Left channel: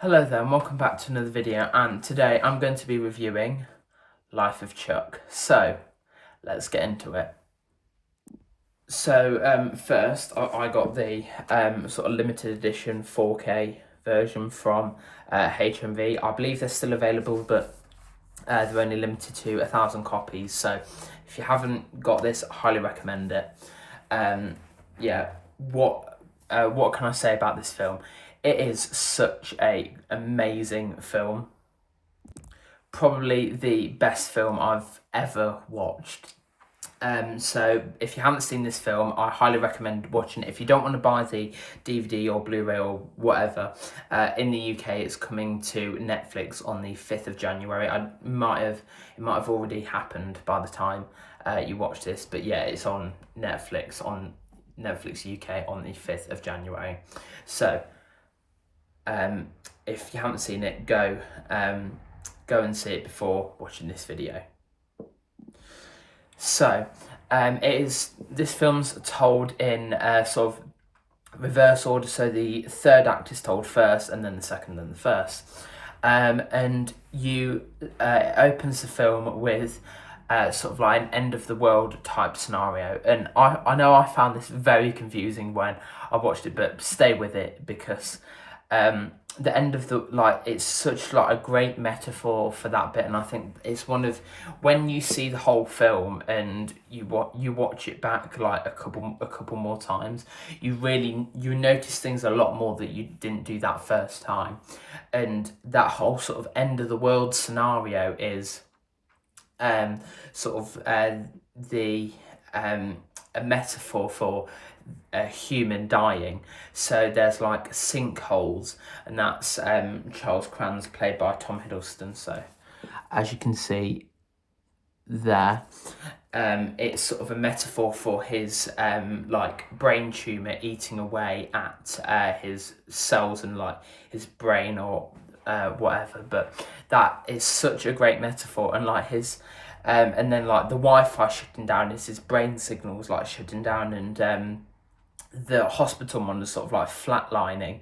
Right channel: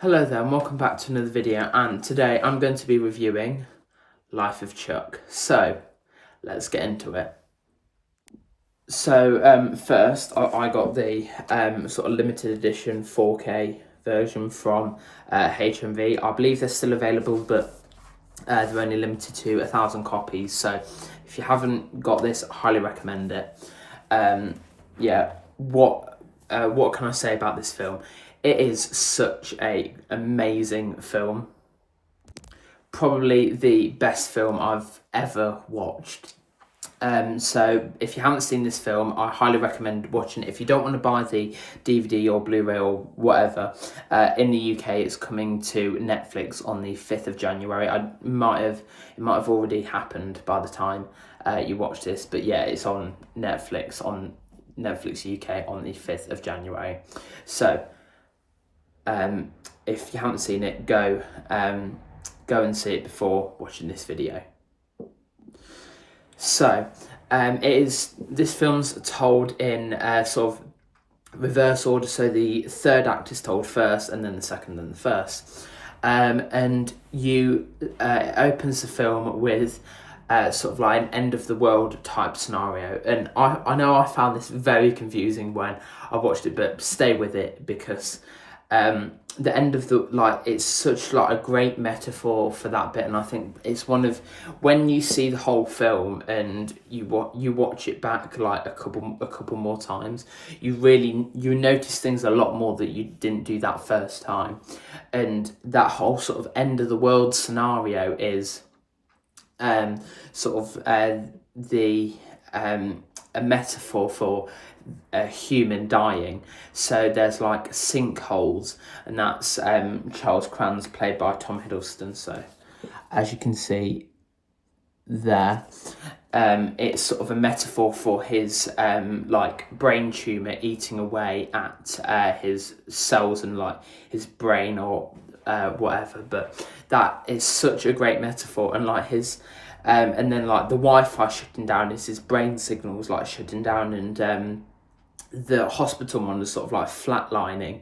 Hello there and welcome back to another video, and today I'm going to be reviewing Life of Chuck. So let's get into it. So first I got the sort of limited edition 4K version from HMV. I believe they're still available, but they're only limited to 1,000 copies. So if you haven't got this, I highly recommend it. Yeah, what can I say about this film? It is such a amazing film. Probably the best film I've ever watched. So if you haven't seen this film, I highly recommend watching it. If you don't want to buy the DVD or Blu-ray or whatever, in the UK it's coming to Netflix on the 5th of January. It might have already happened by the time you watch this, but yeah, it's on Netflix UK on the 5th of January. So if you haven't seen it, go and see it before watching this video. So, this film's told in sort of reverse order. So the third act is told first, and then the second, and the first. And it opens the film with sort of like an end of the world type scenario. And I know I found this very confusing when I watched it, but stay with it because the end of it's such like a great metaphor for that bit, and I think it's one of, when you see the whole film and you watch it back like a couple more times, you notice things a lot more that you didn't do that first time. And that whole sort of end of the world scenario is a metaphor for a human dying. So there's like sinkholes, and that's Charles Kranz, played by Tom Hiddleston. So as you can see there, it's sort of a metaphor for his brain tumor eating away at his cells and like his brain or whatever. But that is such a great metaphor, and like his and then like the Wi-Fi shutting down is his brain signals like shutting down, and the hospital monitor sort of like flatlining,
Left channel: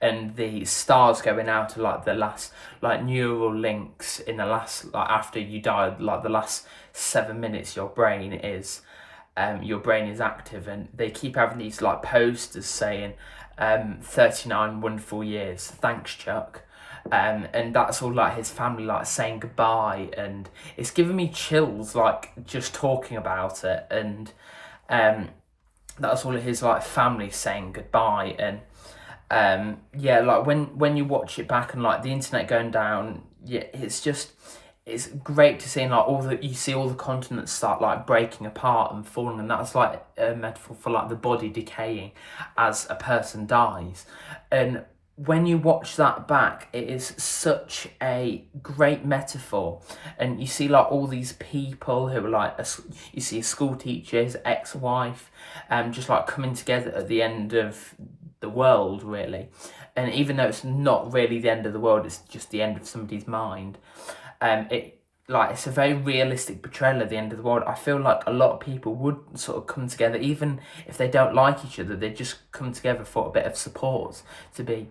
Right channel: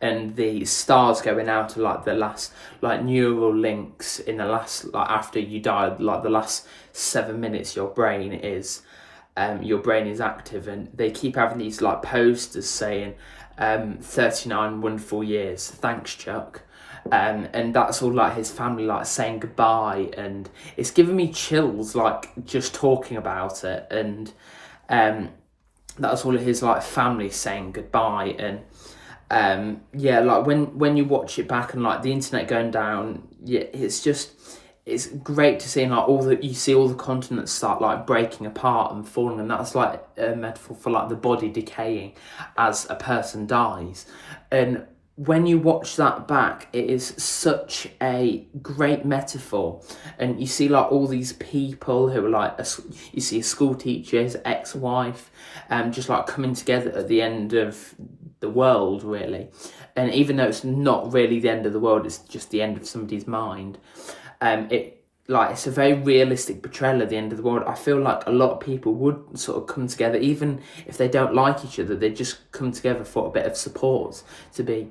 and the stars going out of like the last like neural links in the last, like after you die, like the last 7 minutes your brain is active. And they keep having these like posters saying 39 wonderful years, thanks Chuck. And that's all like his family like saying goodbye, and it's giving me chills like just talking about it. And that's all of his like family saying goodbye. And yeah, like when you watch it back and like the internet going down, yeah, it's great to see, and like you see all the continents start like breaking apart and falling, and that's like a metaphor for like the body decaying as a person dies. And when you watch that back, it is such a great metaphor. And you see like all these people who are like, you see a school teacher, his ex-wife, just like coming together at the end of the world, really. And even though it's not really the end of the world, it's just the end of somebody's mind. It's a very realistic portrayal of the end of the world. I feel like a lot of people would sort of come together, even if they don't like each other, they just come together for a bit of support, to be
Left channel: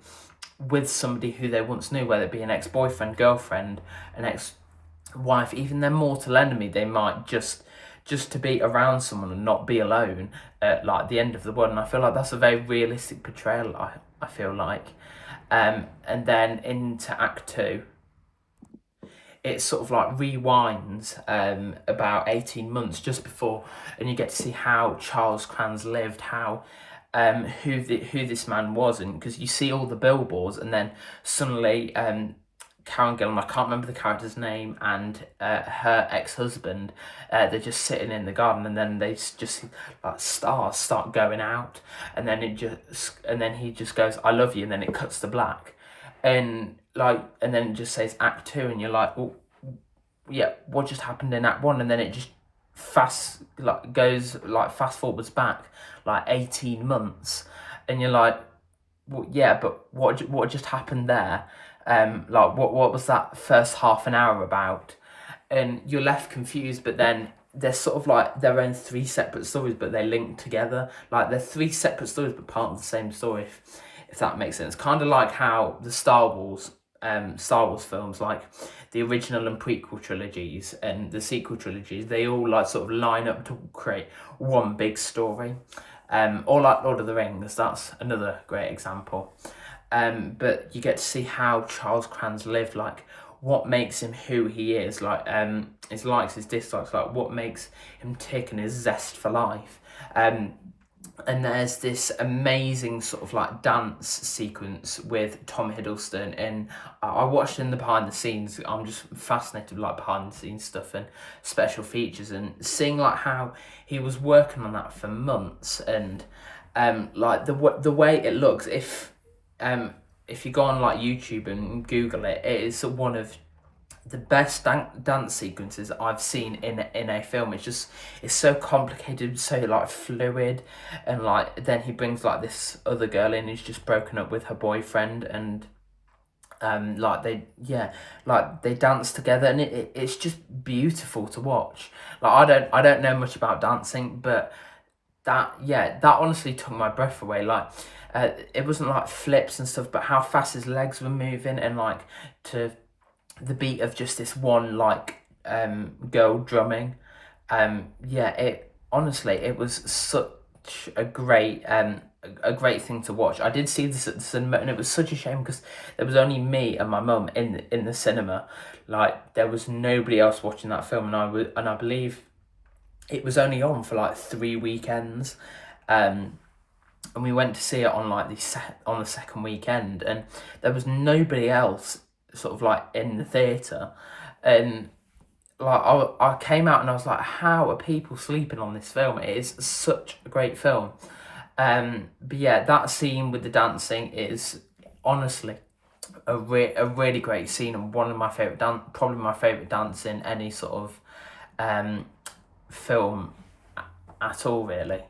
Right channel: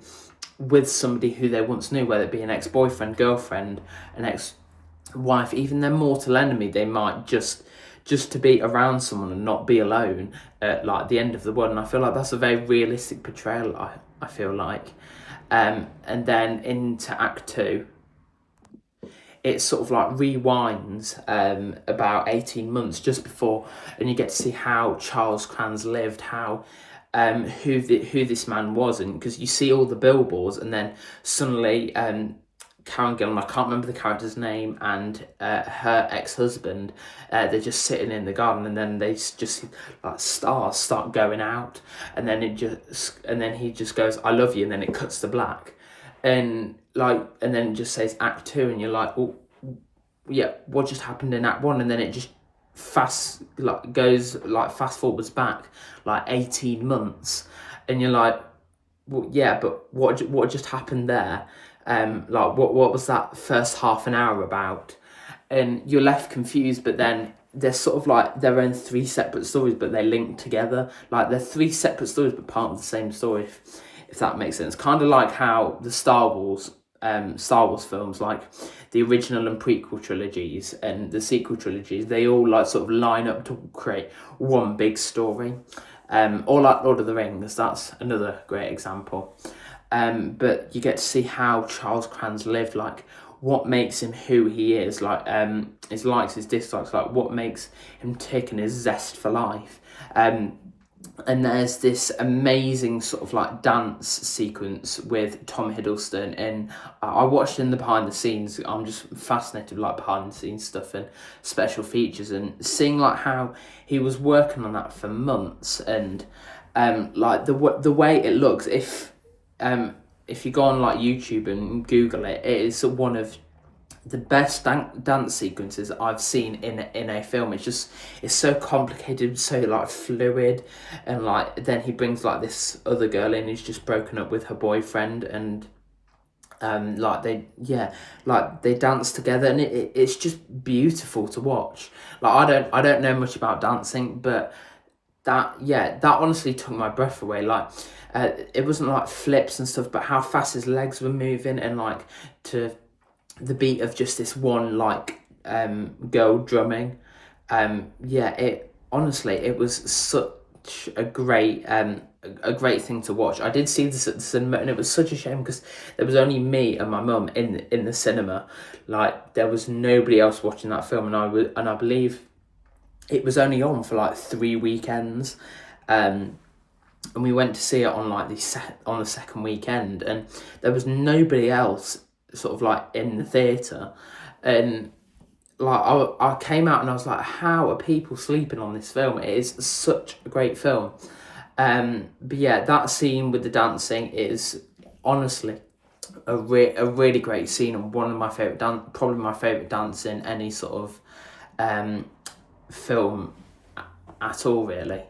with somebody who they once knew, whether it be an ex-boyfriend, girlfriend, an ex-wife, even their mortal enemy. They might just to be around someone and not be alone at like the end of the world. And I feel like that's a very realistic portrayal, I feel like. And then into Act 2, it sort of like rewinds about 18 months just before, and you get to see how Charles Kranz lived, how who this man was. And because you see all the billboards, and then suddenly Karen Gillan, I can't remember the character's name, and her ex-husband, they're just sitting in the garden, and then they just like stars start going out, and then he just goes, "I love you," and then it cuts to black. And then it just says Act 2, and you're like, well, yeah, what just happened in Act 1? And then it just fast forwards back like 18 months, and you're like, well, yeah, but what just happened there? What was that first half an hour about? And you're left confused. But then they're sort of like their own three separate stories, but they link together. Like they're three separate stories, but part of the same story. if that makes sense. Kind of like how the Star Wars films, like the original and prequel trilogies and the sequel trilogies, they all like sort of line up to create one big story. Or like Lord of the Rings, that's another great example. But you get to see how Charles Kranz lived, like what makes him who he is, like his likes, his dislikes, like what makes him tick and his zest for life. And there's this amazing sort of like dance sequence with Tom Hiddleston, and I watched in the behind the scenes. I'm just fascinated with like behind the scenes stuff and special features, and seeing like how he was working on that for months, and like the way it looks. If you go on like YouTube and Google it, it is one of the best dance sequences I've seen in a film. It's so complicated, so like fluid, and like then he brings like this other girl in who's just broken up with her boyfriend, and like they dance together, and it's just beautiful to watch. Like I don't know much about dancing, but that honestly took my breath away. Like it wasn't like flips and stuff, but how fast his legs were moving, and like to the beat of just this one like girl drumming. It honestly, it was such a great thing to watch. I did see this at the cinema, and it was such a shame because there was only me and my mum in the cinema. Like there was nobody else watching that film, and I believe it was only on for like 3 weekends. And we went to see it on like the second weekend, and there was nobody else sort of like in the theatre, and like I came out and I was like, how are people sleeping on this film? It is such a great film. But yeah, that scene with the dancing is honestly a really great scene, and one of my favourite probably my favourite dance in any sort of film at all, really.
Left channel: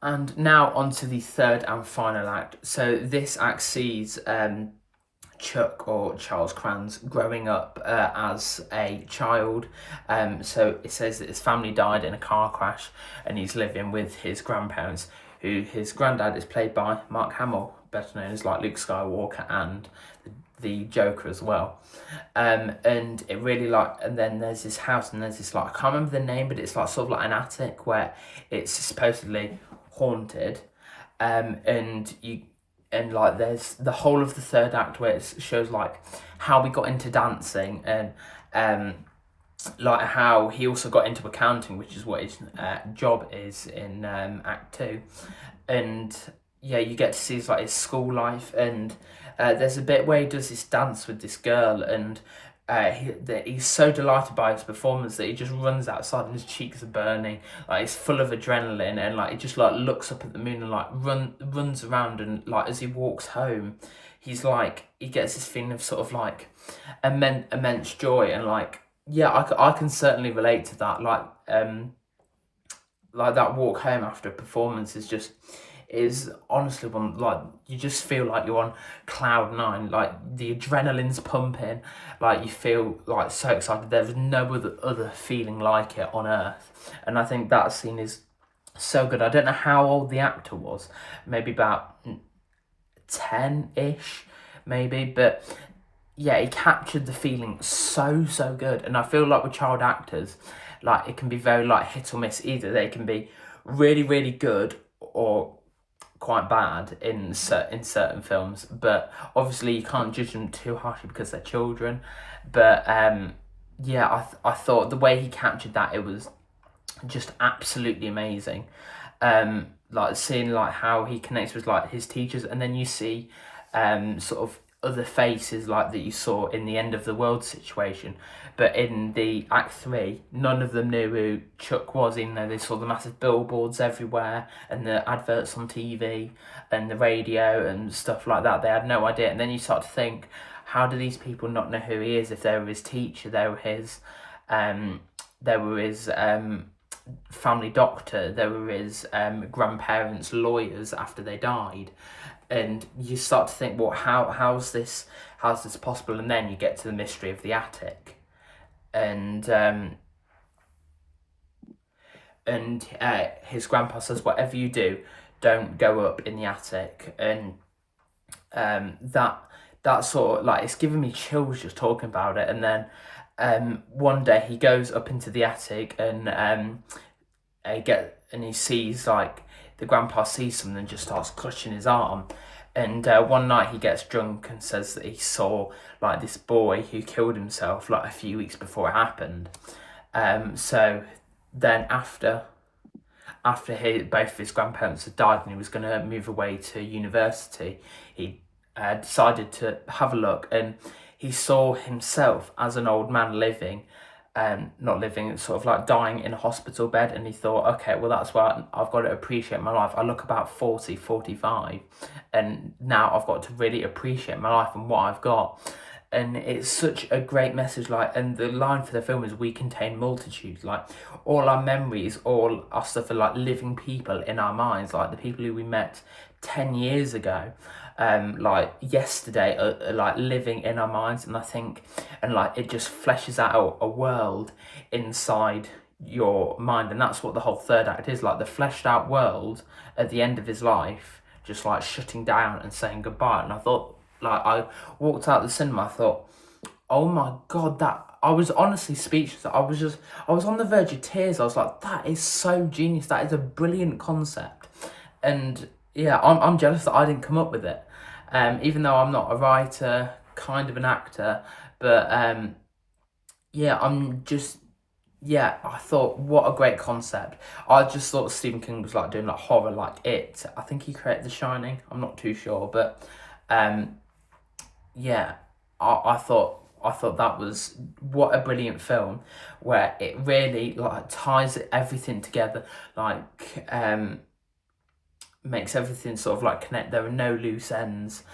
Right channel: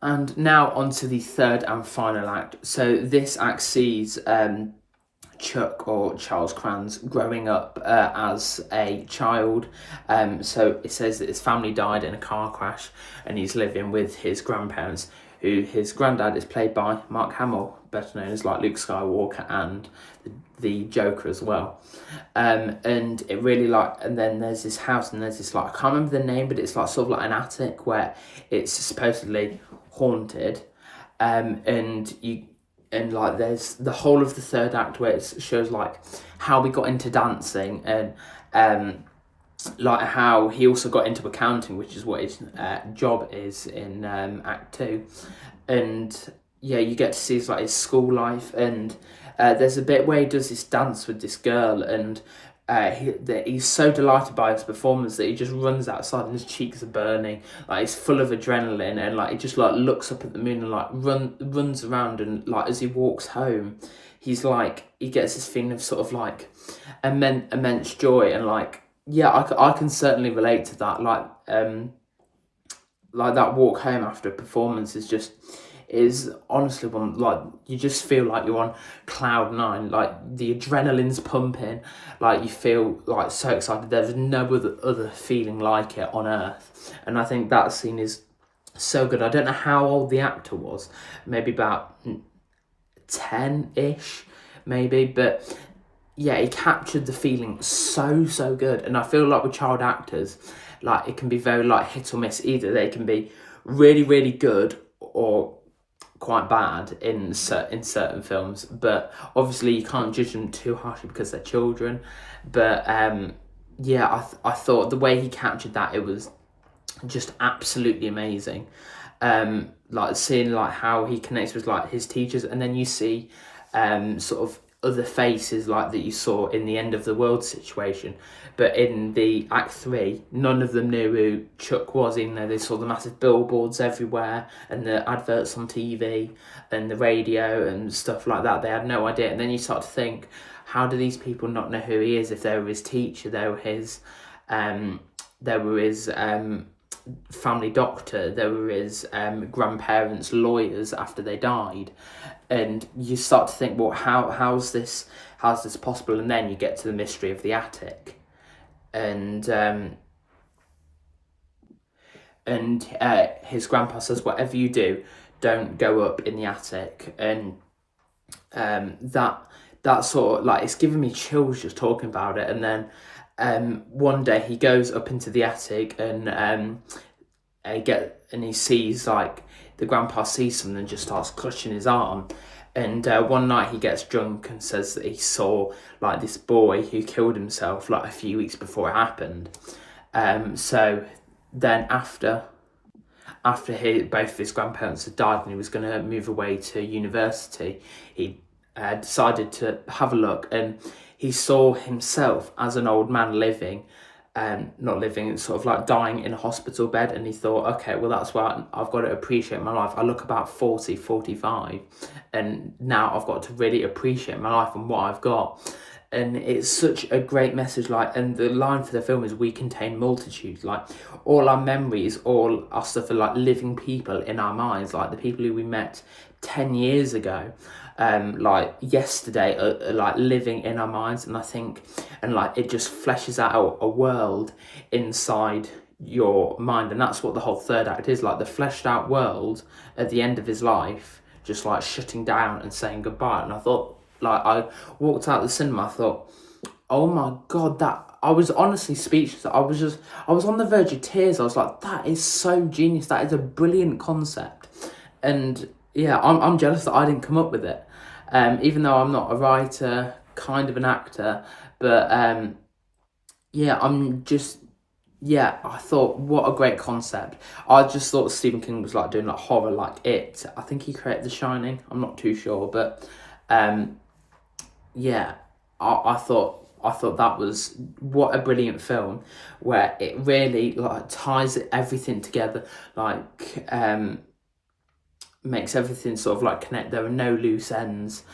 And now on to the third and final act. So this act sees Chuck, or Charles Kranz, growing up as a child. So it says that his family died in a car crash, and he's living with his grandparents, who his granddad is played by Mark Hamill, better known as like Luke Skywalker and the Joker as well. And it really like, and then there's this house, and there's this like, I can't remember the name, but it's like sort of like an attic where it's supposedly haunted. And like there's the whole of the third act where it shows like how we got into dancing, and like how he also got into accounting, which is what his job is in Act 2. And yeah, you get to see his, like, his school life, and there's a bit where he does this dance with this girl, and he's so delighted by his performance that he just runs outside and his cheeks are burning. Like he's full of adrenaline, and like he just like looks up at the moon and like runs around, and like as he walks home, he's like, he gets this feeling of sort of like immense joy, and like yeah, I can certainly relate to that. Like that walk home after a performance is honestly one, like you just feel like you're on cloud 9, like the adrenaline's pumping, like you feel like so excited. There's no other feeling like it on earth, and I think that scene is so good. I don't know how old the actor was, maybe about 10-ish maybe, but yeah, he captured the feeling so good. And I feel like with child actors, like it can be very like hit or miss. Either they can be really good or quite bad in certain films, but obviously you can't judge them too harshly because they're children. But yeah, I thought the way he captured that, it was just absolutely amazing. Like seeing like how he connects with like his teachers, and then you see sort of other faces like that you saw in the End of the World situation, but in the Act 3 none of them knew who Chuck was, even though they saw the massive billboards everywhere and the adverts on TV and the radio and stuff like that. They had no idea. And then you start to think, how do these people not know who he is? If they were his teacher, they were his family doctor, they were his grandparents' lawyers after they died. And you start to think, well, how's this possible? And then you get to the mystery of the attic, and his grandpa says, whatever you do, don't go up in the attic. And that sort of, like, it's giving me chills just talking about it. And then one day he goes up into the attic and he sees, like, the grandpa sees something and just starts clutching his arm. And one night he gets drunk and says that he saw, like, this boy who killed himself, like, a few weeks before it happened. So then after both his grandparents had died and he was going to move away to university, he decided to have a look, and he saw himself as an old man living, not living, sort of like dying in a hospital bed. And he thought, okay, well, that's why I've got to appreciate my life. I look about 40, 45, and now I've got to really appreciate my life and what I've got. And it's such a great message, like, and the line for the film is, we contain multitudes. Like, all our memories, all our stuff are like living people in our minds, like the people who we met 10 years ago, like yesterday, are like living in our minds. And I think, and like, it just fleshes out a world inside your mind. And that's what the whole third act is, like the fleshed out world at the end of his life, just like shutting down and saying goodbye. And I thought, like, I walked out the cinema, I thought, oh my God, that, I was honestly speechless. I was on the verge of tears. I was like, that is so genius. That is a brilliant concept. And yeah, I'm jealous that I didn't come up with it. Even though I'm not a writer, kind of an actor, but yeah, I thought, what a great concept. I just thought Stephen King was like doing like horror, like It. I think he created The Shining. I'm not too sure, but yeah, I thought that was, what a brilliant film, where it really like ties everything together, like makes everything sort of like connect. There are no loose ends.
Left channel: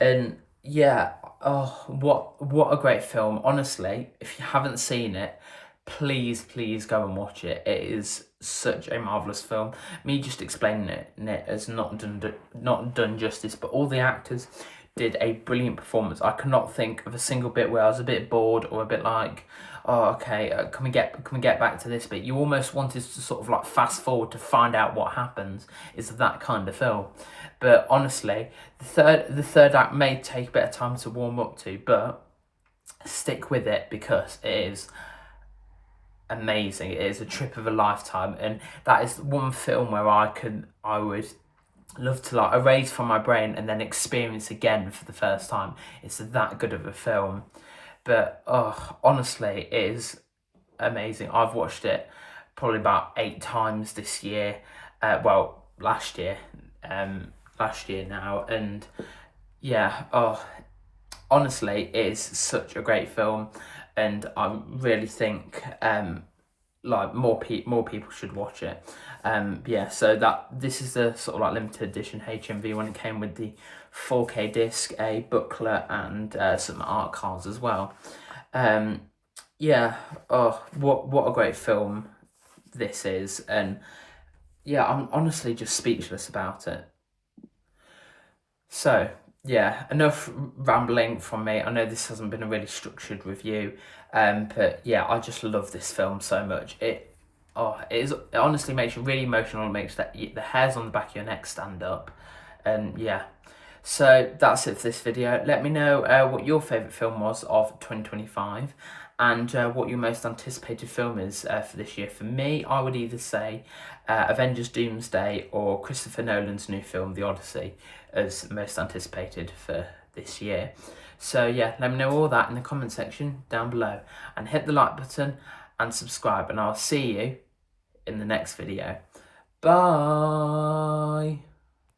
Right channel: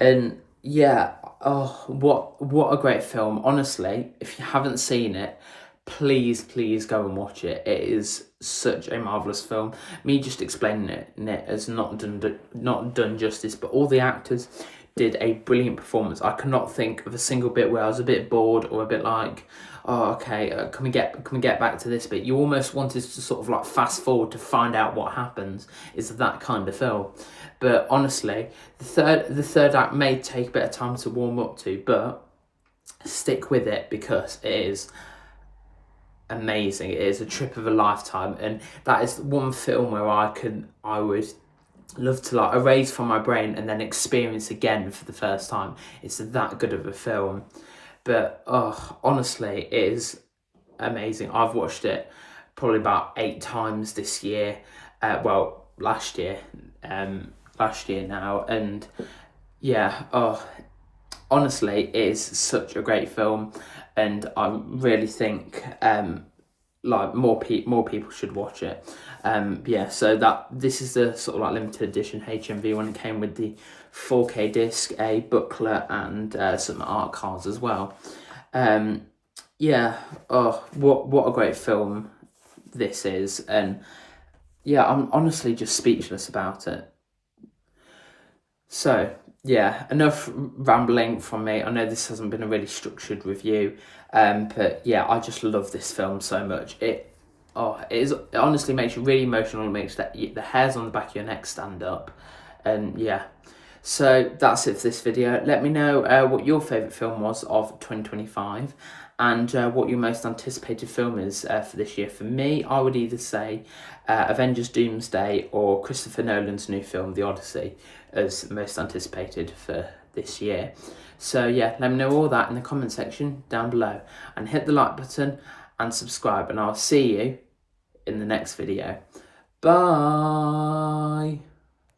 And yeah, oh, what a great film. Honestly, if you haven't seen it, please go and watch it. It is such a marvelous film. Me just explaining it has not done justice, but all the actors did a brilliant performance. I cannot think of a single bit where I was a bit bored or a bit like, oh, okay, can we get back to this bit? You almost wanted to sort of like fast forward to find out what happens. It's that kind of film. But honestly, the third act may take a bit of time to warm up to, but stick with it because it is amazing. It is a trip of a lifetime, and that is one film where I would love to like erase from my brain and then experience again for the first time. It's that good of a film. But honestly, it is amazing. I've watched it probably about 8 times this year. Last year now, and yeah, honestly, it is such a great film, and I really think like more people should watch it. Yeah, so this is the sort of like limited edition HMV when it came with the 4K disc, a booklet, and some art cards as well. Yeah, what a great film this is, and yeah, I'm honestly just speechless about it. So yeah, enough rambling from me. I know this hasn't been a really structured review, but yeah, I just love this film so much. It honestly makes you really emotional. It makes the hairs on the back of your neck stand up, and yeah. So that's it for this video. Let me know what your favourite film was of 2025, and what your most anticipated film is for this year. For me, I would either say Avengers Doomsday or Christopher Nolan's new film, The Odyssey, as most anticipated for this year. So yeah, let me know all that in the comment section down below, and hit the like button and subscribe, and I'll see you in the next video. Bye!